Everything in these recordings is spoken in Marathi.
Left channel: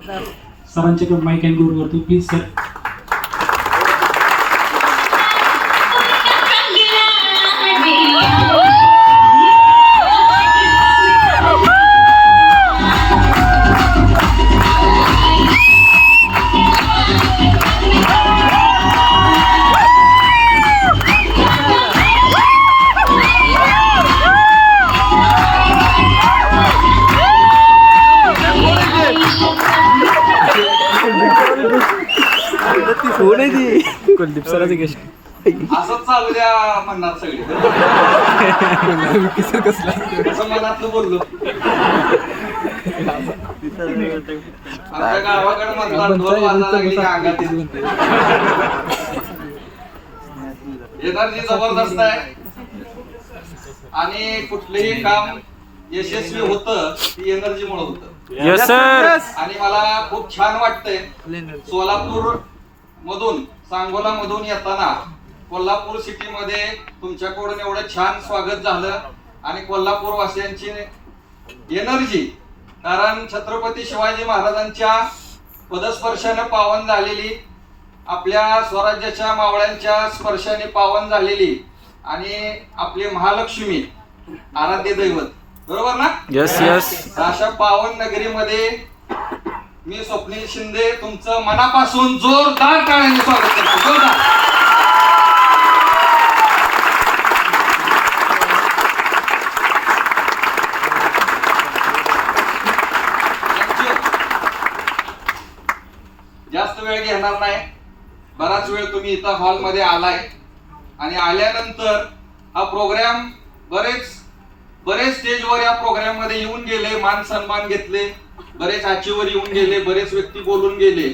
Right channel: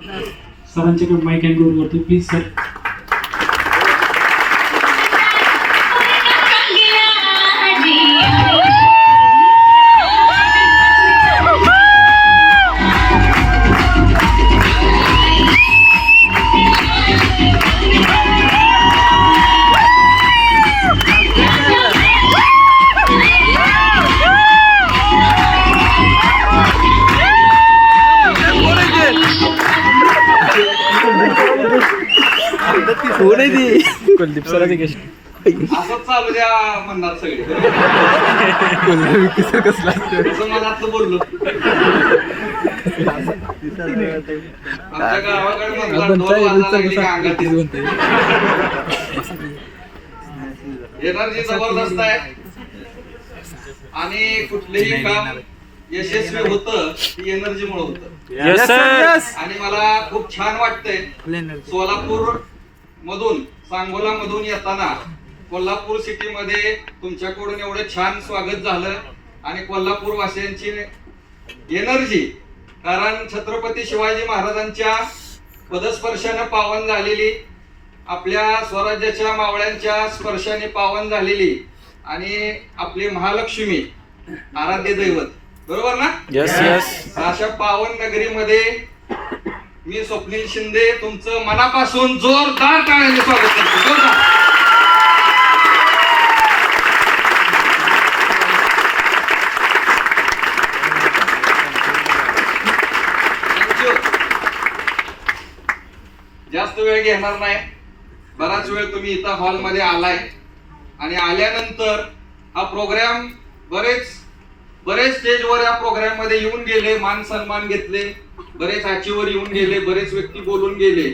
सरांच्याकडे माईक हँड ओव्हर करतो प्लीज सर. कुलदीप सरांची गेस्ट असंच चालू द्या म्हणणार सगळे. असं मनातलं बोललो. आमच्या गावाकडे म्हणतात ढोल वाजायला लागली की अंगात येते. एनर्जी जबरदस्त आहे आणि कुठलेही काम यशस्वी होतं ती एनर्जी मुळे होतं. आणि मला खूप छान वाटतंय सोलापूर मधून सांगोला मधून येताना कोल्हापूर सिटी मध्ये तुमच्याकडून एवढं छान स्वागत झालं आणि कोल्हापूर वासियांची एनर्जी, कारण छत्रपती शिवाजी महाराजांच्या पदस्पर्शाने पावन झालेली, आपल्या स्वराज्याच्या मावळ्यांच्या स्पर्शाने पावन झालेली आणि आपली महालक्ष्मी आराध्य दैवत, बरोबर ना? Yes yes. अशा पावन नगरीमध्ये मी स्वप्नील शिंदे तुमचं मनापासून जोरदार टाळ्यांनी स्वागत करतो. जोरदार. जास्त वेळ घेणार नाही. बराच वेळ तुम्ही इथं हॉल मध्ये आलाय आणि आल्यानंतर हा प्रोग्राम बरेच स्टेजवर या प्रोग्राम मध्ये येऊन गेले, मान सन्मान घेतले, बरेच आचीवर येऊन गेले, बरेच व्यक्ती बोलून गेले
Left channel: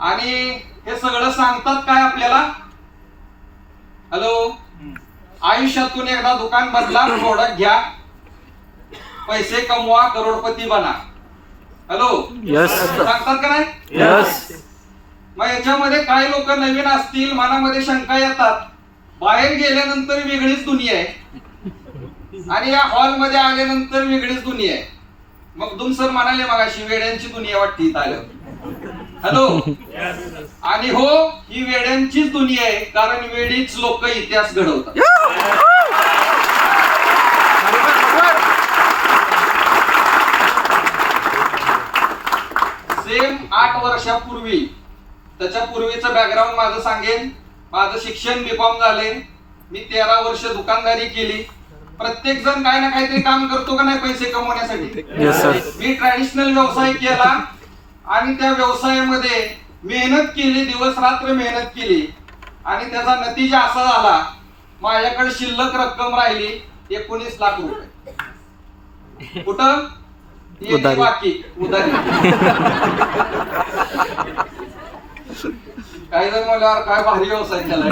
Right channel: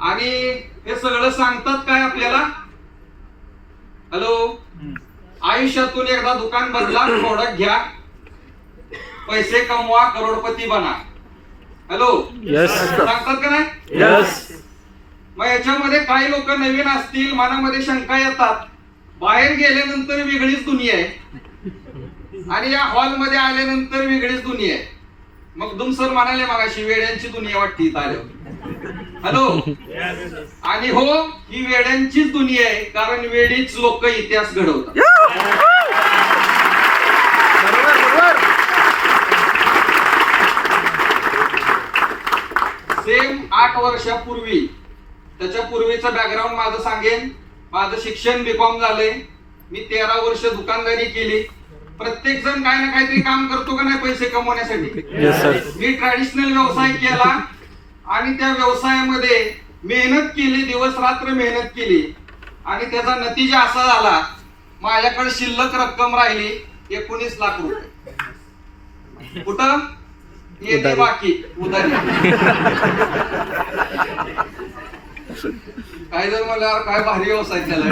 आणि हे सगळं सांगतात काय आपल्याला, हॅलो, आयुष्यातून एकदा दुकान बदला, प्रोडक्ट घ्या, पैसे कमवा, करोडपती बना. Hello, yes. सांगतात का नाही? यस. मग याच्यामध्ये काही लोक नवीन असतील, मनामध्ये शंका येतात, बाहेर गेल्यानंतर वेगळीच दुनिया आहे आणि या हॉल मध्ये आल्यानंतर वेगळीच दुनिया आहे. मग सर म्हणाले मगाशी वेड्यांची दुनिया वाटते इथं आल्यावर. हॅलो, आणि हो, ही वेड्यांचीच दुनिया आहे, कारण वेडीच लोक इतिहास घडवतात. सेम 8 वर्षापूर्वी, त्याच्या पूर्वीचं बॅकग्राऊंड माझं सांगेन. माझं शिक्षण बीकॉम झालंय, मी 13 वर्ष दुकानदारी केली. प्रत्येक जण काय ना काहीतरी काम करतो का नाही पैसे कमवण्यासाठी? Yes sir. मी ट्रॅडिशनल व्यवसाय केला आणि त्या व्यवसायामध्ये मेहनत केली, दिवस रात्र मेहनत केली आणि त्याचा नतीजा असा झाला, माझ्याकडे शिल्लक रक्कम राहिली 19 लाख रुपये. कुठं? येते बाकी उधारी. काही जण मला काय भारी व्यवसाय केलाय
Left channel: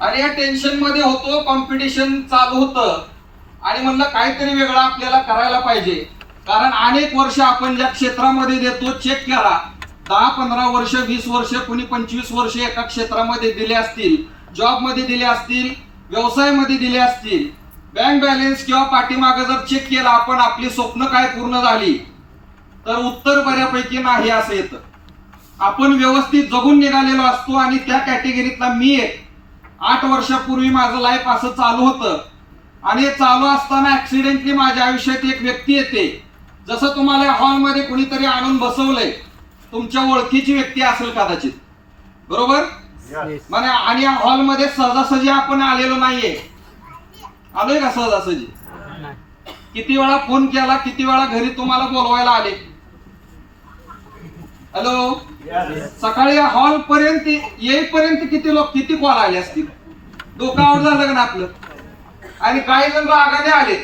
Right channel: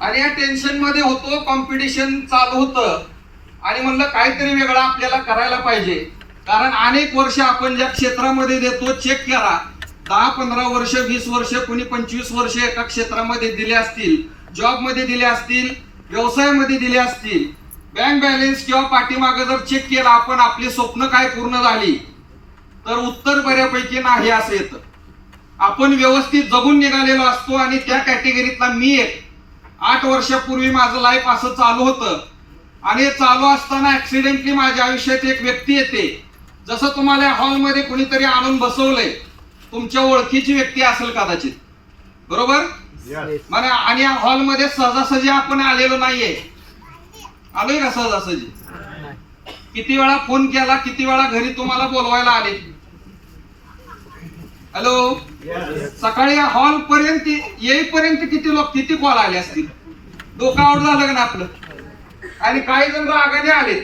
आणि या टेन्शन मध्ये होतो, कॉम्पिटिशन चालू होतं आणि म्हणलं काहीतरी वेगळं आपल्याला करायला पाहिजे. कारण अनेक वर्ष आपण ज्या क्षेत्रामध्ये देतो, चेक करा, 10-15 वर्ष, 20 वर्ष, कोणी 25 वर्ष एका क्षेत्रामध्ये दिले असतील, जॉब मध्ये दिले असतील, व्यवसायामध्ये दिले असतील, बँक बॅलन्स किंवा पाठीमागे जर चेक केला आपण, आपली स्वप्न काय पूर्ण झाली, तर उत्तर बऱ्यापैकी नाही असं येतं. आपण व्यवस्थित जगून निघालेलो असतो आणि त्या कॅटेगरीतला मी एक. 8 वर्षापूर्वी माझं लाईफ असं चालू होतं आणि चालू असताना ऍक्सिडेंटली माझ्या आयुष्यात एक व्यक्ती येते. जसं तुम्हाला हॉलमध्ये कुणीतरी आणून बसवलंय, तुमच्या ओळखीची व्यक्ती असेल कदाचित, बरोबर? म्हणजे आणि या हॉलमध्ये सहजासहजी आपण आलेलो नाहीये. आलोय का सहजासहजी? किती वेळा फोन केला, किती वेळा घरी तुम्हाला बोलवायला आले. हॅलो, सकाळी या हॉल पर्यंत येईपर्यंत किती कॉल आले असतील? डोकं आउट झालं का ना आपलं? आणि काही जण रागाने आले,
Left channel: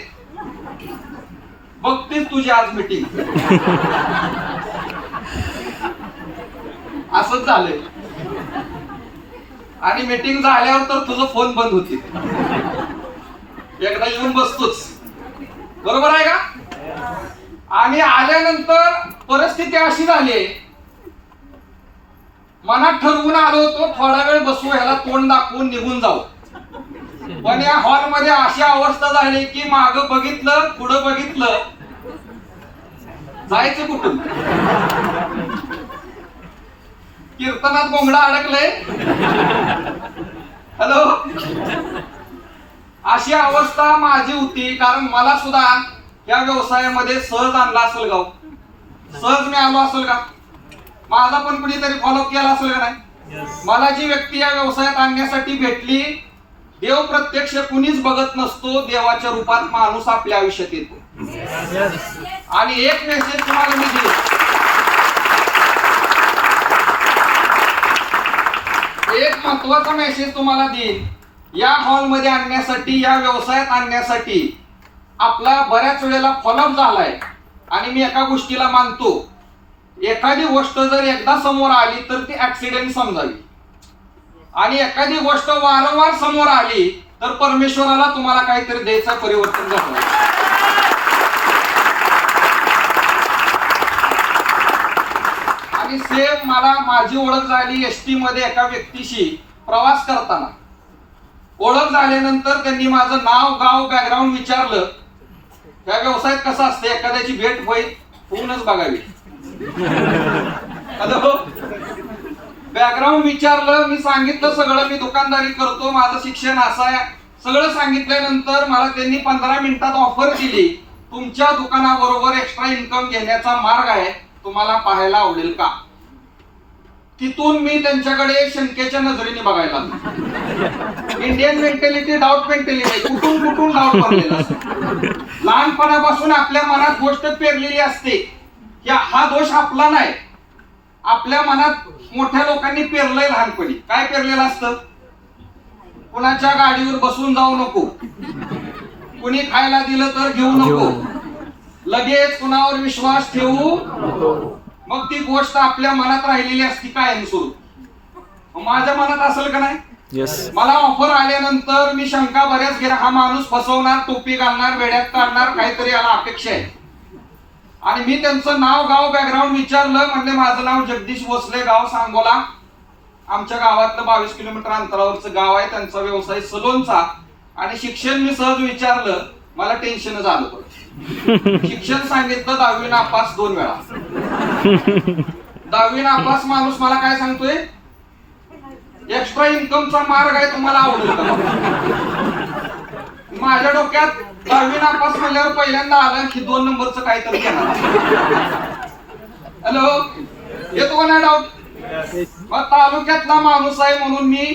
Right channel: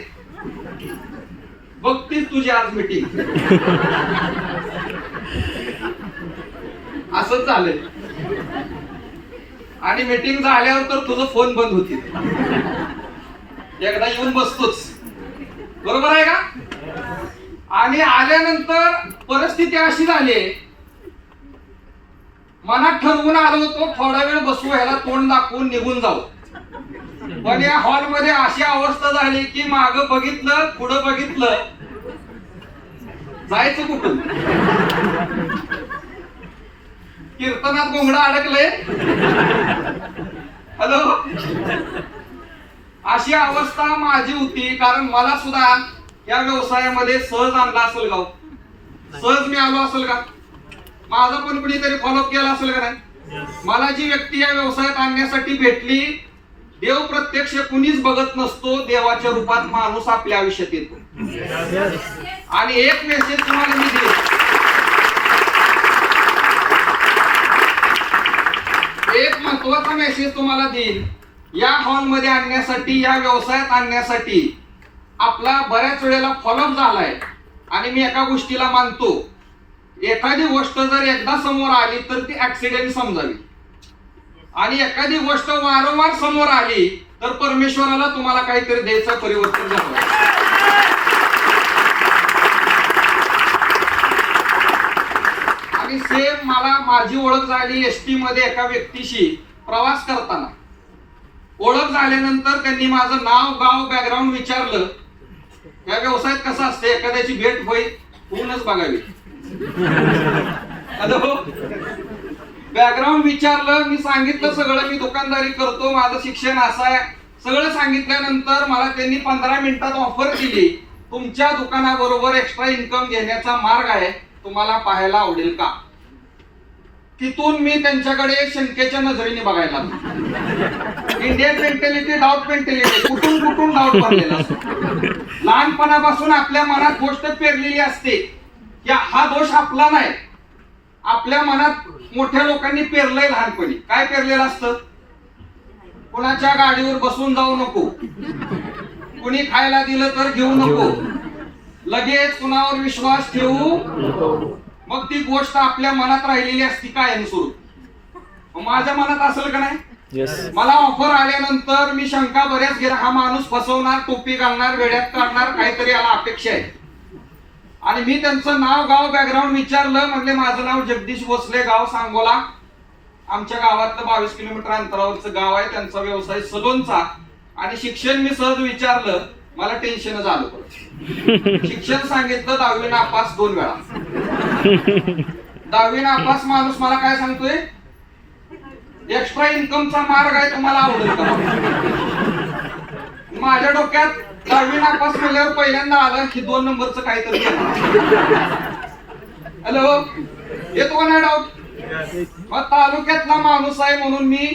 बघतीस तुझी आज मीटिंग. असंच झालंय. आणि मीटिंग झाल्यावर तर तुझं फोन बंद होती. एकदा येऊन बसतोच, बरोबर आहे का? आणि आल्यानंतर परिस्थिती अशी झाली, मनात ठरवून आलो होतो थोडा वेळ बसू, ह्याला तोंड दाखवून निघून जाऊ. पण या हॉल मध्ये अशी अवस्था झाली की मागं बघितलं, पुढं बघितलं, जायचं कुठून? कीर्तनात गोंगडा अडकले. हॅलो, अशी अवस्था माझी होती. कारण मला सुद्धा या व्यवसायामध्ये सहज आणला असेल गाव, सहज मी आलो असेल का? माझा पण कुणीतरी फॉलोअप केला असेल का नाही? मला जी व्यक्ती या व्यवसायात आणण्यासाठी भेटली, देव प्रत्यक्ष कुणीच बघत नसतो, देवाच्या रूपात माणूस आपल्या आयुष्यात येतो. आणि एक मेसेज तुम्हाला मी देईन, एक महत्वाचा मेसेज तुम्हाला देईन. या हॉलमध्ये आणण्यासाठी, या व्यवसायात आणण्यासाठी आपला बऱ्याच वेळेला फॉलोअप झालाय. आणि मी एका गोष्टीला मानतो, एखादी गोष्ट जर एकदा समोर आली तर ती ऍक्सिडेंट समजावी, आणि एखादी गोष्ट वारंवार समोर आली तर परमेश्वराला तुम्हाला काहीतरी द्यायचं, परिवर्तन झालं. आणि सेम मला माझी ओळख झाली एसटी मध्ये एका व्यक्तीशी प्रवास करताना. ओळख झाल्यानंतर त्यांनी माझं नाव, गाव, बॅकग्राऊंड विचारलं. या व्यवसायात कसं असतं, एखाद्याची भेट होऊनच बघावी. हॅलो, बॅकग्राऊंड विचारलं, मी सांगितलं सगळं, मी दुकानदारी करतो, माझं शिक्षण असं आहे, सगळं सांगितल्यानंतर मला त्यांनी 15 मिनिटात ऑफर दिली, तुमच्या दुकानाबरोबर एक्स्ट्रा इन्कम घेण्याचा मार्ग आहे, तुम्हाला पाहायला आवडेल का? तिथून मी त्यांच्याकडे शंकेच्या नजरेने बघायला लागलो. इंडियन मेंटॅलिटी, डाऊट मेंटॅलिटी, कुठून कुठून डाऊट भरलेला असतो. लहानपणापासून आपल्या मनात गोष्ट पेरलेली असते की हा दोष आपला नाही, आपल्या मनात मोठ्या लोकांनी पेरलंय. लहानपणी काय पेरलेलं असतं? कुणाच्या गाडीवर बसून जाऊ नको, कुणी खायला दिलं तर घेऊ नको, लगेच कुणावर विश्वास ठेवू. मग ती गोष्ट आपल्या मनात राहिलेली असती कायमस्वरूप. माझ्या मनात असेल का नाही? मला ऑफर आल्यानंतर मी शंका बऱ्याच गेला, हा माणूस फसवणार, टोपी घालणार, वेड्यात काढणार, काहीतरी याला अपेक्षा आहे. आणि मी त्यांचं नाव, गाव, बॅकग्राऊंड विचारलं. म्हणजे माझं नाव जगदीश भोसले, गाव सांगोला, आमच्या गावातलं 22 किलोमीटर अंतरावरचं गाव आहे. त्यांचा व्यवसाय सलोनचा. आणि शिक्षण मी सहज विचारलं, मला टेन्शनच आलं. शिक्षण सांगितलं 10वी नापास 2 वेळा. 10वी नापास माणूस मला काय सांगतोय, एक्स्ट्रा इन्कमचा मार्ग आहे, तुम्हाला आवडेल का? माझ्या डोक्यात 10वी नापास म्हणल्यावर पहिल्यांदा आलं की 2 नंबरचं काहीतरी घेणार. हॅलो, येतो का नाही डाऊट? मग तालुक्यातला माणूस आहे म्हणून मी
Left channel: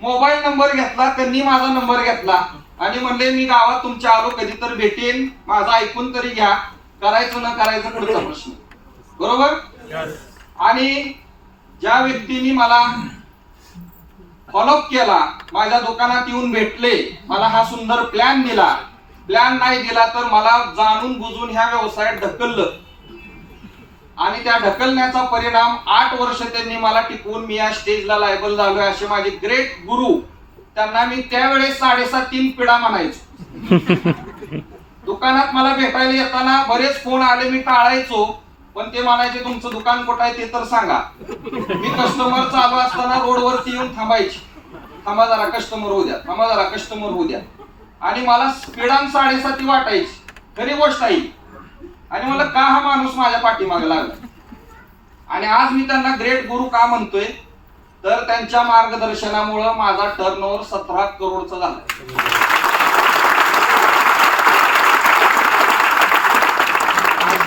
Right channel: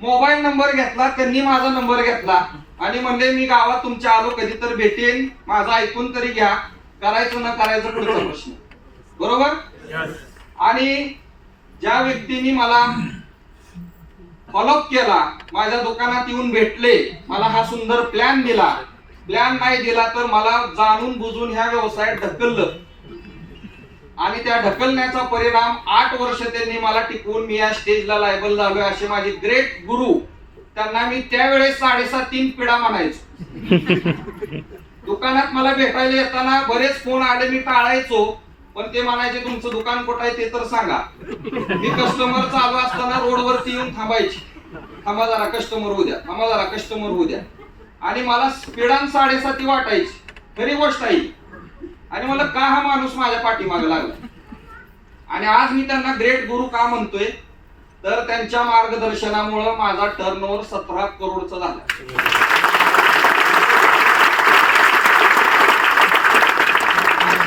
मोबाईल नंबर घेतला, त्यांनी माझा नंबर घेतला आणि म्हणले मी गावात तुमच्या आलो, कधी तर भेटेन, माझं ऐकून तरी घ्या, करायचं न करायचं पुढचा प्रश्न. बरोबर? आणि ज्या व्यक्तीने मला फॉलोअप केला, माझ्या दुकानात येऊन भेटले, मला हा सुंदर प्लॅन दिला, प्लॅन नाही दिला तर मला जाणून बुजून ह्या व्यवसायात ढकललं. आणि त्या ढकलण्याचा परिणाम 8 वर्ष त्यांनी मला टिकवून मी या स्टेजला लायबल झालोय. असे माझे ग्रेट गुरु, त्यांना मी त्यावेळेस 3.5 पिढा म्हणायचो. दुकानात मला भेटायला येताना बरेच फोन आले, मी टाळायचो, पण ते म्हणायचे तुमचं दुकान कुठं आहे ते तर सांगा. मी कस्टमर चालू असताना रोडवरती येऊन थांबायची, थांबा जरा कस्टमर होऊ द्या, थांबा जरा कस्टमर होऊ द्या. आणि मला स्पीडान 7.5 वाटायची, खरी गोष्ट आहे. आणि मला का हा माणूस माझ्या पाठीमागे लागला. आणि आज मी त्यांना ग्रेट गुरु का म्हणतोय, तर त्यांच्या मार्गदर्शनामुळे माझा टर्नओव्हर 17 करोडचा झाला.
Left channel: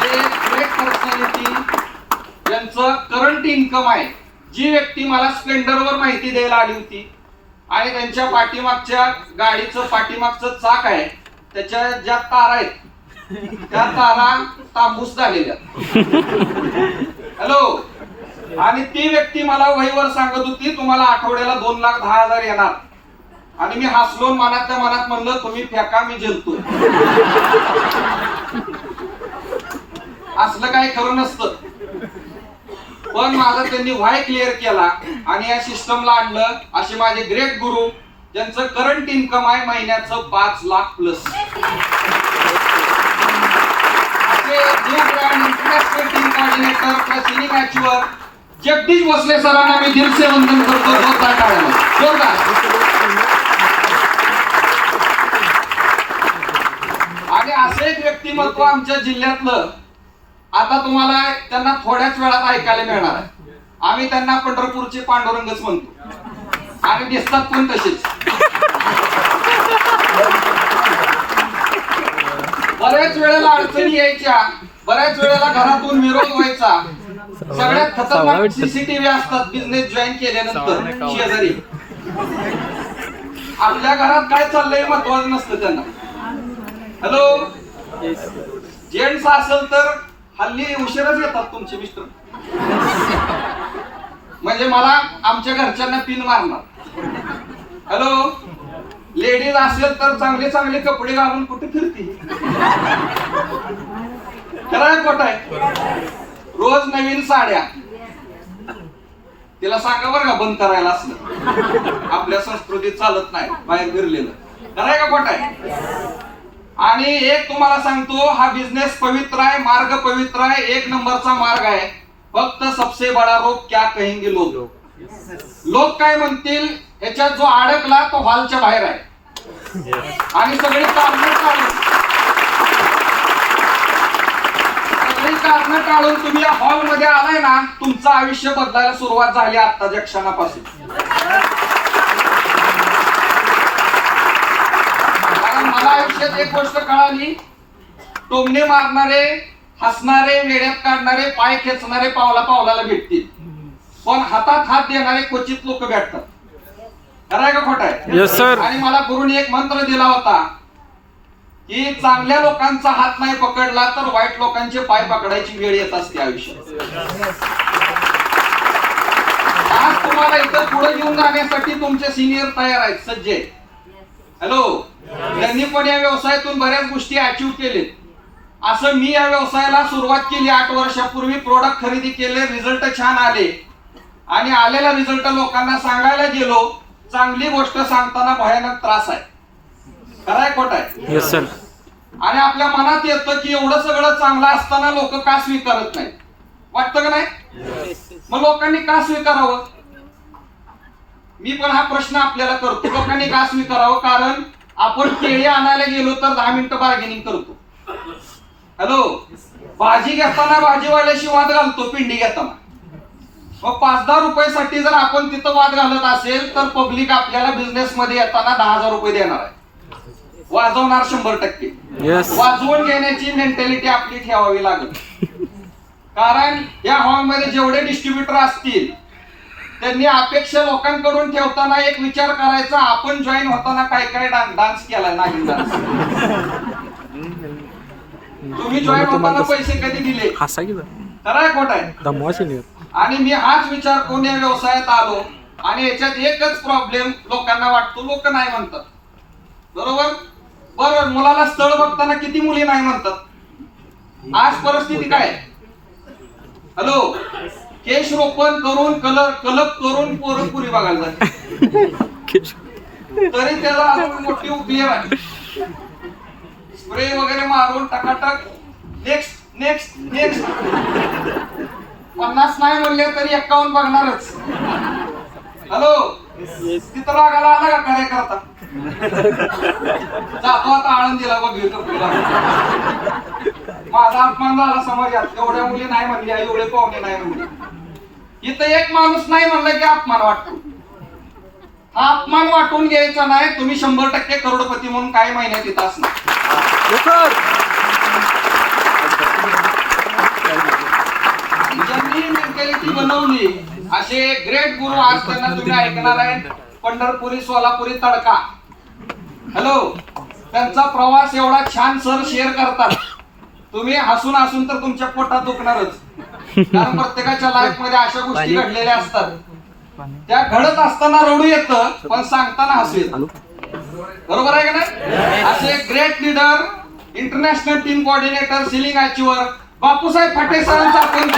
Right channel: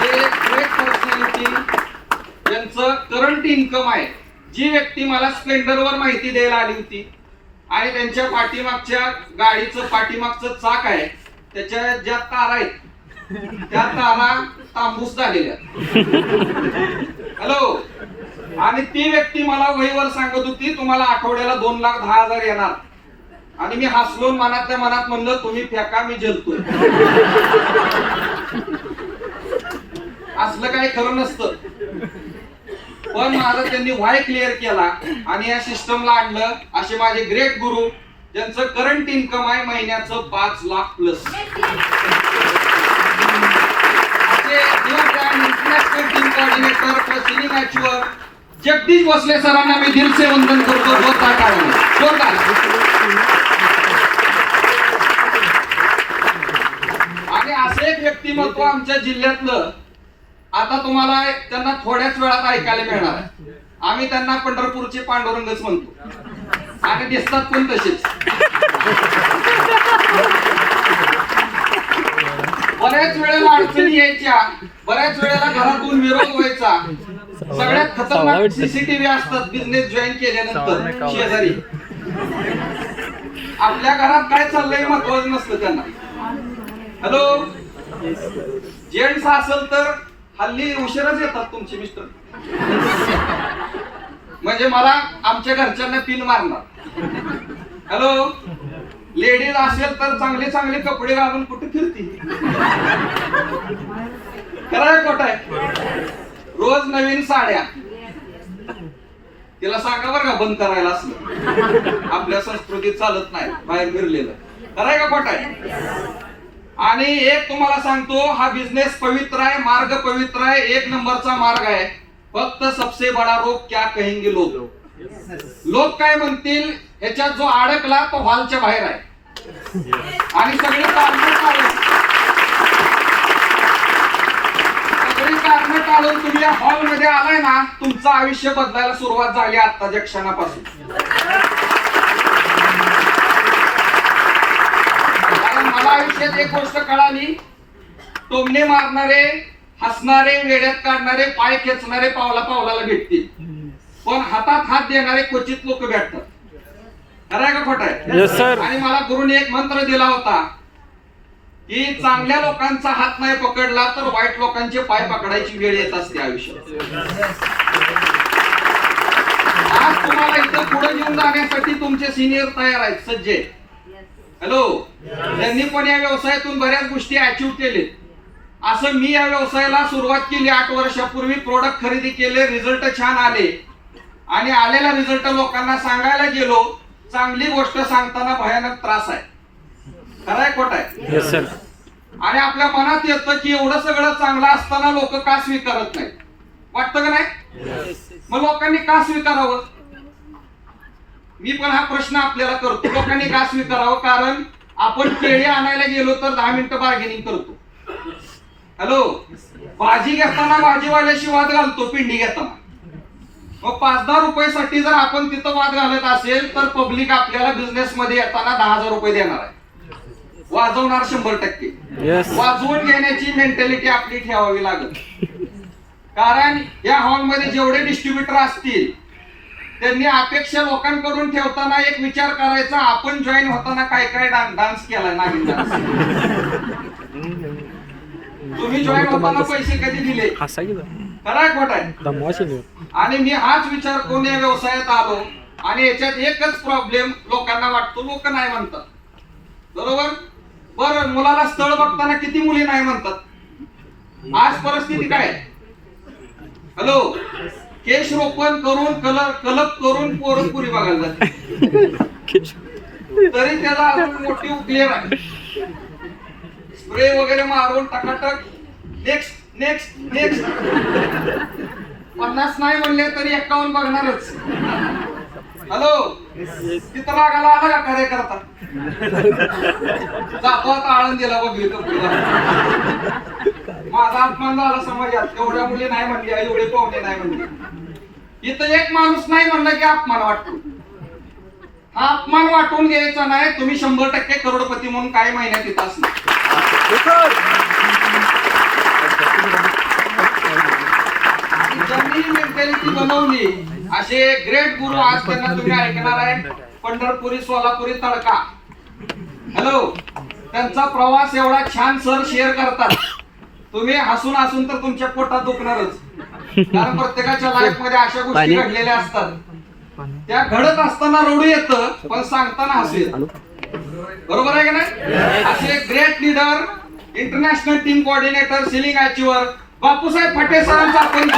ग्रेट पर्सनॅलिटी, ज्यांचं करंट इन्कम आहे. जी व्यक्ती मला स्प्लेंडरवर माहिती द्यायला आली होती आणि त्यांच्या पाठीमागच्या गाडीचं पाठीमागचं चाक आहे, त्याच्या ज्या तारा आहेत त्या तारा तांबूस झालेल्या. हॅलो, आणि ती व्यक्ती मला वहीवर सांगत होती तुम्हाला आठवड्याला 2,10,000 येणार. आणि मी हसलो, मनातल्या मनात म्हणलं तुम्ही फेका, मी जलतोय. असलं काही खरं नसतं. पण माझं त्यांनी व्हाय क्लिअर केला आणि या सिस्टमला आणलं. असे माझे ग्रेट गुरु, ज्यांचं करंट इन्कम आहे महिन्याचं 5 lakh plus. International team coordinator plus इनिमॅच्युअर जगदीश भोसले सरांना मी दिल से वंदन करतो. जोरदार टाळ्या, जोरदार. आणि असं एक व्यक्तिमत्व आमच्या जिल्ह्यातलं आता तुम्हाला त्यांना थोड्याच वेळात ऐकायला मिळणार आहे. आम्ही त्यांना पंढरपूरचे पांडुरंगच म्हणतो आणि दिसतात पण तसेच. बऱ्याच वेळेला अडचणी यायच्या, बऱ्याच वेळेला घरातून विरोध व्हायचा. सगळ्यात खतरनाक सीसीटीव्ही असतात बिझनेस जॉईन केल्यानंतर शेजारी. आपल्या घरात काय चाललंय महत्वाचं नसतं त्यांना. हॅलो, जेंट्स असेल तर हल्ली उशिराच येतात तुमचे मिस्टर, म्हणजे मला आमच्या घरच्यांना पिन मारणार. हॅलो, लेडीज असेल तर चांगले चांगले कपडे घालून कुठे फिरती. खरंय खोटंय? रोज नवीन साड्या. तिला सांगा बरं का बंद करायला असलं, आपल्या संस्कृतीत चालत नाही बाहेर फिरलेलं. खरंय का खोटंय? आणि एक तुम्हाला सांगतो, हा बिझनेस पवित्र आहे, मार्ग पवित्र आहे, एक नंबरचा मार्ग आहे. फक्त सबसे बडा रोग क्या कहेंगे लोग. लोक काय म्हणतील ह्याच्यात जो अडकला तो हॉलच्या बाहेर आहे आणि सगळी कारणं टाळून तुम्ही या हॉल मध्ये आलाय ना, तुमचं आयुष्य बदलायला सुरुवात झाली आत्ताच्या क्षणापासून. कारण मला आयुष्यात एक गोष्ट कळाली, टोमणे मारणारे, हसणारे, वेड्यात काढणारे, पाय खेचणारे पावला पावलाला भेटतील, पण हातात हात देणारे क्वचित लोक भेटतात. खरंय का खोटंय? Yes, sir. आणि मला गुरुने एक मंत्र दिला होता की चांगल्या लोकांचा हात नाही पकडला तर वाईट लोकांचे पाय पकडायची वेळ येत असते आयुष्यात. आज तुम्हाला इथं पुढे घेऊन जाण्यासाठी तुमचे सिनियर तयार आहेत, सज्ज आहेत. हॅलो, त्यांनी पण या व्यवसायातून बऱ्याच गोष्टी अचीव्ह केले. असं मी या व्यवसायाला सुरुवात केली 8 वर्षापूर्वी. प्रोडक्ट खरेदी केले, रिझल्ट छान आले आणि आलेला रिझल्ट लोकांना सांगायला गेलो. चांगली गोष्ट सांगताना भयानक त्रास आहे. खरंय खोटंय? Yes sir. आणि आपल्या मनात येतं की एवढं सगळं चांगलं असताना लोक का स्वीकारत नाहीत, वाटतं का नाही? मग लोकांनी का स्वीकारावं? मी पण हा प्रश्न आपल्याला करतो, लोकांनी का स्वीकारावं? कारण आपण केळी आणायला गेलो तर 10 मिनिटं बार्गेनिंग करतो. हॅलो, भाजी घेताना भाजीवाल्याशी वाद घालतो पिंडी घेताना. मग 5-10 रुपयासाठी जर आपण तिथं वाद घालत असेल तर पब्लिक आपल्याला बिझनेस मध्ये येताना 10,000 रुपये देणार आहे, वाजवणार 100%. वाजवून घेण्याची मेंटॅलिटी आपली ठेवावी लागेल. कारण या हॉल मध्ये जेवढे डिस्ट्रीब्युटर असतील त्यांनी अपेक्षा लोकांकडून ठेवताना एक विचार करायचा, आपण जॉईन होताना काय काय डान्स केलाय, नागिन डान्स. तुम्ही जॉईन होताना पैसे कधी दिले? खरंय खोटंय? आणि मी हाच विचार करून या व्यवसायात आलो. आणि याच्यात एकच प्रॉब्लेम लोकांना वाटतो, लोक नाही म्हणतात. बरोबर? बरं, मुलाला स्थळ बघताना किती मुली नाही म्हणतात? आज परिस्थिती काय? हॅलो, केश रोपण करून कलप करून पोरं पुरी बघायला जाते, तरी त्याला अजून मोठी उकलेर आहे. स्प्रे वगैरे मारून टकाटक नेक्स्ट नेक्स्ट नेक्स्ट. 50 नाही म्हणले तरी 51 बघणारच. हॅलो, तिथं रागाला आला का कार्यकर्ता? जातो आता आळंदीला बघली कंपनीला. माझा अपमान झाला समाजात, एवढ्या मुली नाही म्हणल्या, एवढे पाहुणे नाही म्हणले. इथं एक माणूस नाही म्हणलं की अपमान वाटतो. हा अपमान वाटून घ्यायचा नाही. तुम्ही 100% करोडपती म्हणून काही महिन्यात इथं असणार. ज्यांनी मेंटॅलिटी बनवली असे ग्रेट गुरु आज त्यांना तुम्ही ऐकणार आहे. पंढरपुरी, सोलापुरी तडका. हॅलो, त्यांचा प्रवास एवढा छान सर शेअर करतात, तुम्ही हसून हसून तर तुमच्या पोटात दुखणारच. कारण प्रत्येकाच्या लाईफ मध्ये अशा गोष्टी घडलेल्या असतात, त्या घडत असताना रडू येतं पण सांगताना हसू येतं. बरोबर आहे का नाही? असे great leader, international team coordinator, ceiling achiever Bapusaheb फाटे सरांचा आपण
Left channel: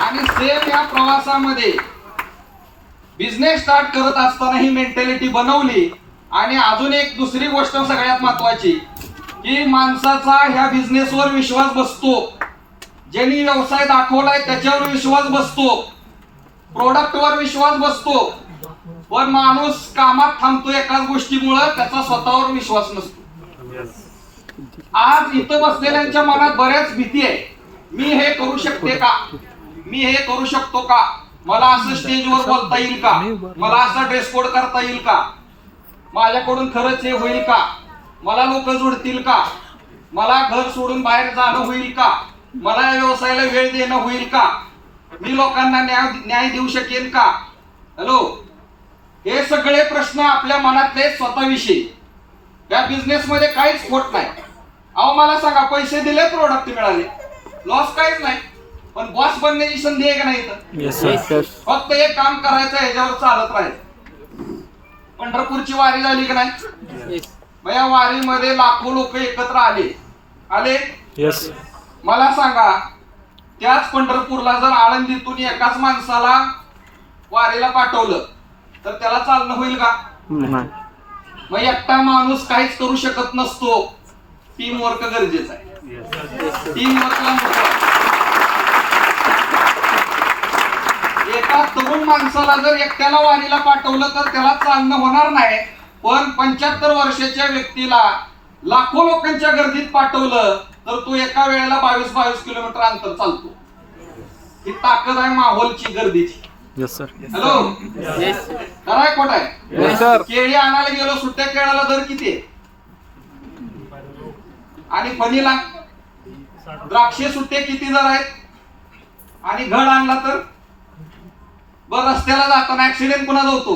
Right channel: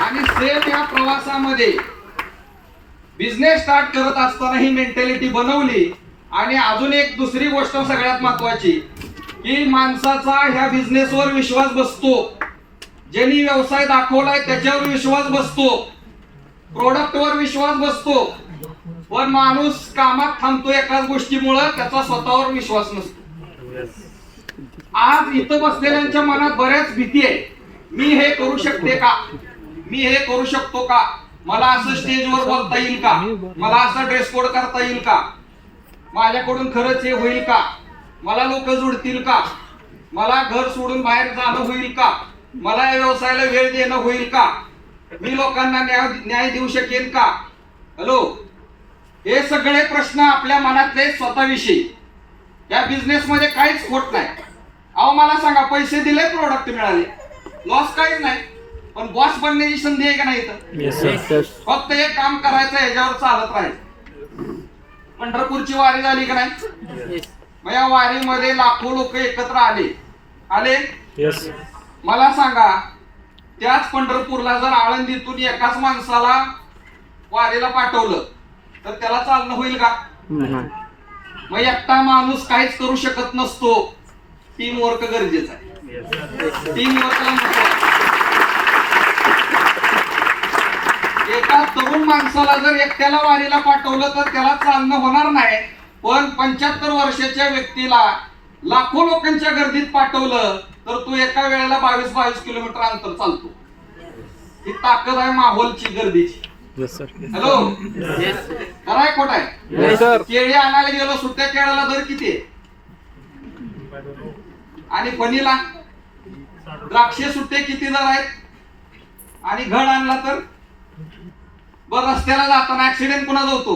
आणि सेम या प्रवासामध्ये बिझनेस स्टार्ट करत असताना ही मेंटॅलिटी बनवली. आणि अजून एक दुसरी गोष्ट सगळ्यात महत्वाची की माणसाचा ह्या बिझनेसवर विश्वास बसतो. ज्यांनी व्यवसाय दाखवलाय त्याच्यावर विश्वास बसतो, प्रोडक्टवर विश्वास बसतो. पण माणूस कामात थांबतो एकाच गोष्टीमुळं, त्याचा स्वतःवर विश्वास नसतो. आज इथं बसलेल्यांच्या मनात बऱ्याच भीती आहे. मी हे करू शकते का, मी हे करू शकतो का, मला असं स्टेजवर बोलता येईल का, मला असं ड्रेस कोड करता येईल का, माझ्याकडून खरंच हे होईल का, मला लोक जोडतील का, मला घर सोडून बाहेर जाणं होईल का, मला या व्यवसायाला वेळ देणं होईल का, मी लोकांना न्याय देऊ शकेन का. हॅलो, हे सगळे प्रश्न आपल्या मनातले स्वतःविषयी. त्या बिझनेस मध्ये काहीच खोट नाही. अहो मला सांगा, पैसे दिले, प्रोडक्ट मिळाले, लॉस काहीच नाही. पण बॉस बनण्याची संधी आहे का नाही इथं? फक्त एक काम करायचं, ह्याच्यावर चालत राहायचं. पंढरपूरची वारी झाली का नाही? मग या वारीमध्ये लाखो लोक एकत्र आले. मला सांगा, त्याच पंढरपूरला जर आळंदीतून एकाच माणसाला वारीला पाठवलं तर त्याला चालणं होईल का? मग एकटा माणूस काहीच करू शकत नसतो. टीम वर्क गरजेचं आहे. टीम वर्कला महत्व आहे. एका तरुण माणसाला जर एकट्याला वारीला पाठवलं तर त्याला चालणं होणार नाही. पण 75 वर्षाच्या व्यक्तीला लाखो लोकांच्या गर्दीत पाठवलं तर तो एका वेळेला 22 किलोमीटर अंतर चालतो. ही ताकद आहे माहोलची, गर्दीची. हॅलो, खरंय खोट आहे? केळी आणायला गेलो, सुट्ट्या केळाला दर किती आहे? आणि फणीला द्राक्षे सुट्टे किती दर आहेत? आणि घड आणला तर बर, रस्त्याला जाताना ऍक्सिडेंट कुणाचा होतो?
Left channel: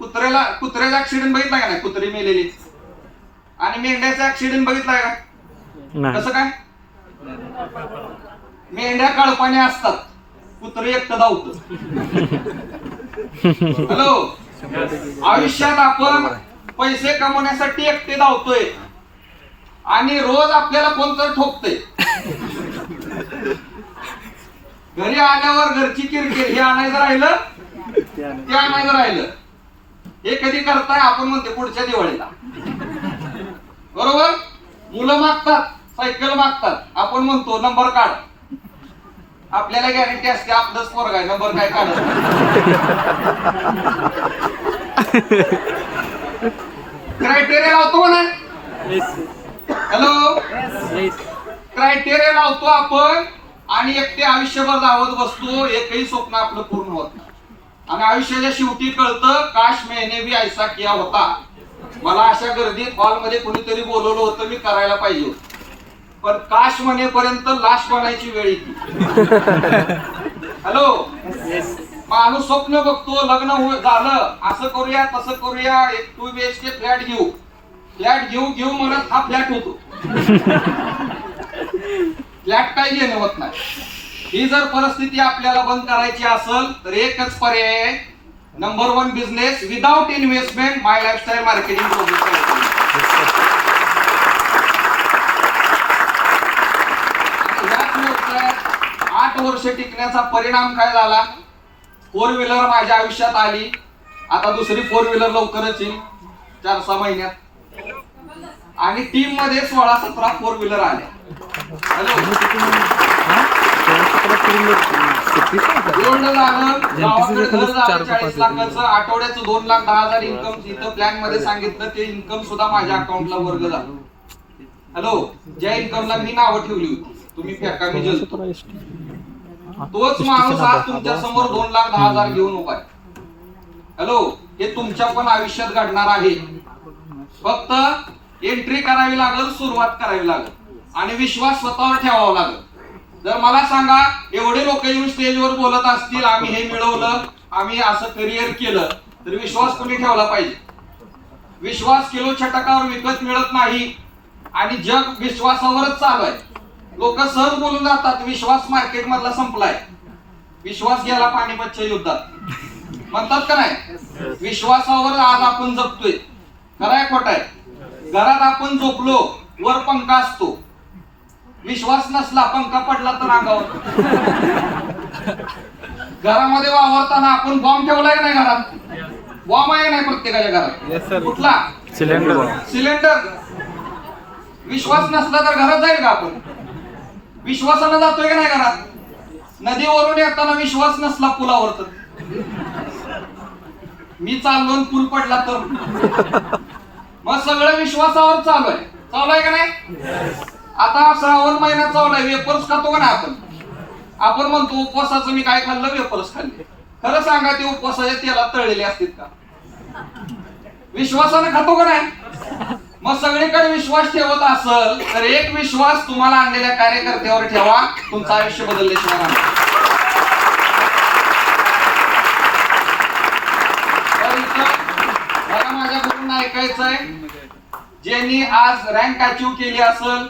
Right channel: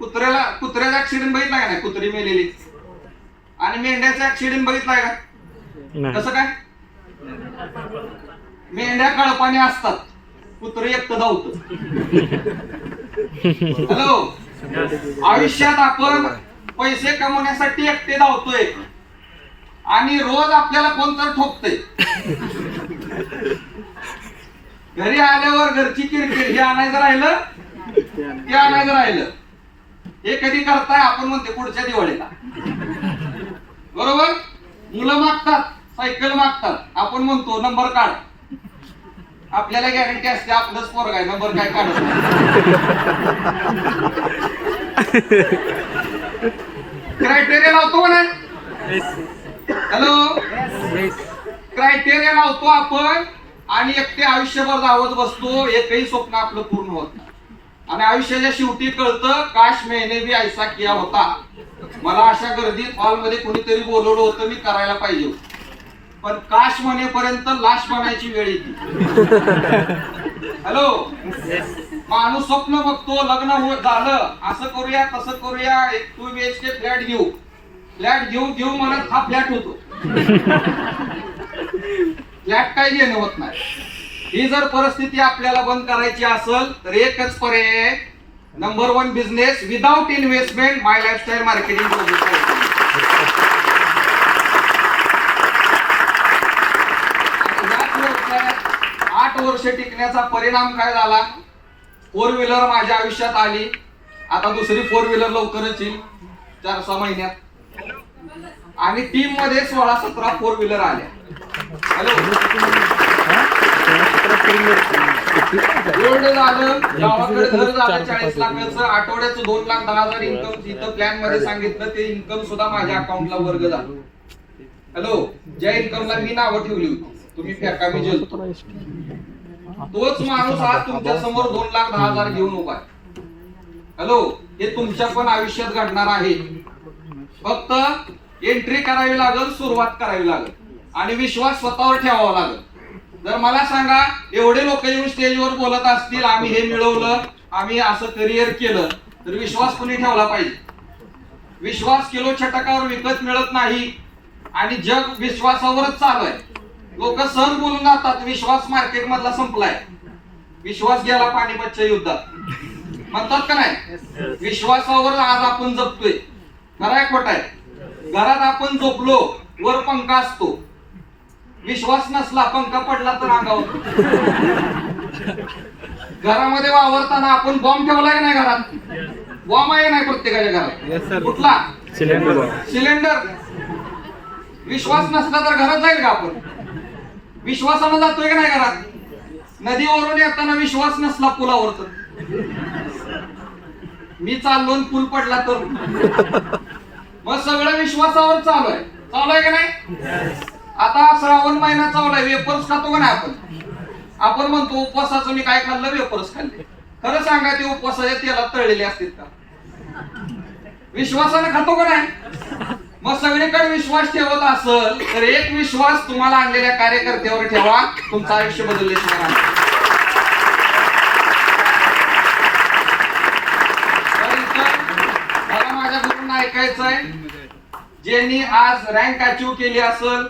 कुत्र्याचा ऍक्सिडेंट बघितलाय का नाही? कुत्री मेलेली. आणि मेंढ्याचा ऍक्सिडेंट बघितलाय का? कसं काय? मेंढ्या कळपाने असतात, कुत्री एकटं धावतं. हॅलो, आयुष्यात आपण पैसे कमवण्यासाठी एकटे धावतोय आणि रोज आपल्याला कोणतं ठोकतंय. घरी आल्यावर घरची किरकिर, हे आणायचं राहिलं, ते आणायचं राहिलं. हे कधी करताय? आपण म्हणते पुढच्या दिवाळीला. बरोबर? मुलं मागतात, सायकल मागतात, आपण म्हणतो नंबर काढ. आपल्याला गॅरंटी असते आपलंच पोरग आहे, नंबर काय काढत. क्रायटेरिया लावतो का नाही? हॅलो, क्रायटेरिया लावतो आपण आणि एकटे आयुष्यभर धावत बसतो. एकही स्वप्न आपलं पूर्ण होत नाही. आणि आयुष्याच्या शेवटी कळतं, काश मैंने भी ऐसा किया होता. मला अशा गर्दीत हॉलमध्ये कोणीतरी बोलवलं होतं, मी करायला पाहिजे होतं. पण काश म्हणेपर्यंत लाश बनायची वेळ येते. हॅलो, माणूस स्वप्न बघतो, लग्न झालं, असं करूया तसं करूया, एक 2 BHK फ्लॅट घेऊ म्हणत हा फ्लॅट होतो. फ्लॅट काही घेणं होत नाही. ही जर परिस्थिती आपल्याला बंद करायची असेल तर एकच पर्याय, नंबर 1 बिझनेस विदाउट इन्व्हेस्टमेंट, माय लाईफस्टाईल मार्केटिंग प्रोजेक्ट. 8 वर्ष टिकण्याचा परिणाम काय झाला? 4 व्हीलर माझ्या आयुष्यात आली. आता दुसरी 4 व्हीलर लवकरच येईल, 4-6 महिन्यात. आणि टीम मध्ये 16-17 4 व्हीलर आल्या. हॅलो, गोल्ड झालं, गावाकडे घर झालं 40 लाखाचं, आठवड्याचं 2,10,000 इन्कम इथं प्लॅन मध्ये सांगितलं. ते इन्कम सुद्धा माझ्या अकाउंटला वर्ग झालं. हॅलो, ज्या इन्कमला मी नावं ठेवली होती, तुम्ही फेका मी जलतो, तोच माणूस आज तुमच्या समोर 2,10,000 घेऊन उभा आहे. हॅलो, हे तुमच्या पण आयुष्यात घडणार आहे. फक्त एंट्री करावी लागेल, सुरुवात करावी लागेल आणि विश्वास स्वतःवर ठेवावा लागेल. जर मला सांगा, एवढे लोक येऊन स्टेजवर बोलत असतील, आम्ही हे मिळवलं, आम्ही असं करिअर केलं, तर विश्वास कोणी ठेवला पाहिजे? विश्वास किलो छटकावर विकत मिळत नाही आणि जग विश्वासावरच चालू आहे. लोक सहज बोलून जातात, विश्वास मार्केट मधला संपलाय, विश्वास गेला पानिपतच्या युद्धात, म्हणतात का नाही? विश्वासावर आज आपण जगतोय. खरंय खोट आहे? घरात आपण झोपलो, वर पंखा असतो, विश्वास नसला, पंखा पडला तर अंगावर. घरामध्ये वावरताना आपण बॉम्ब ठेवलाय का नाही? घरात बॉम्ब आहे नाही प्रत्येकाच्या घरात? कुठला? सिलेंडर. विश्वास नसला तर घरात जाईल का आपण? विश्वासानं जातोय का नाही घरात? नदीवरून येताना विश्वास नसला पुलावर तर मी चाललो आणि पूल पडला तर मग सगळं विश्वासावर चालू आहे का नाही? आता श्रावण महिना चालू आहे, वेपर्स खातो का नाही आपण म्हणतो उपवासाचं मी काय खाल्लं, वेपर्स खाल्ले. खरं सांगा ते उपवासाच्या तेलात तळलेले असतील का? विश्वासाने खातो का नाही? मग सगळीकडे विश्वास ठेवत असेल तर एक विश्वास तुम्हाला आणलेल्या कार्यकर्त्यावर ठेवा, तुमचं आयुष्य बदलल्याशिवाय नाही. मला माझ्या गुरूंना ऐकायचंय, ज्यांनी आज रँक अचीव केली असेल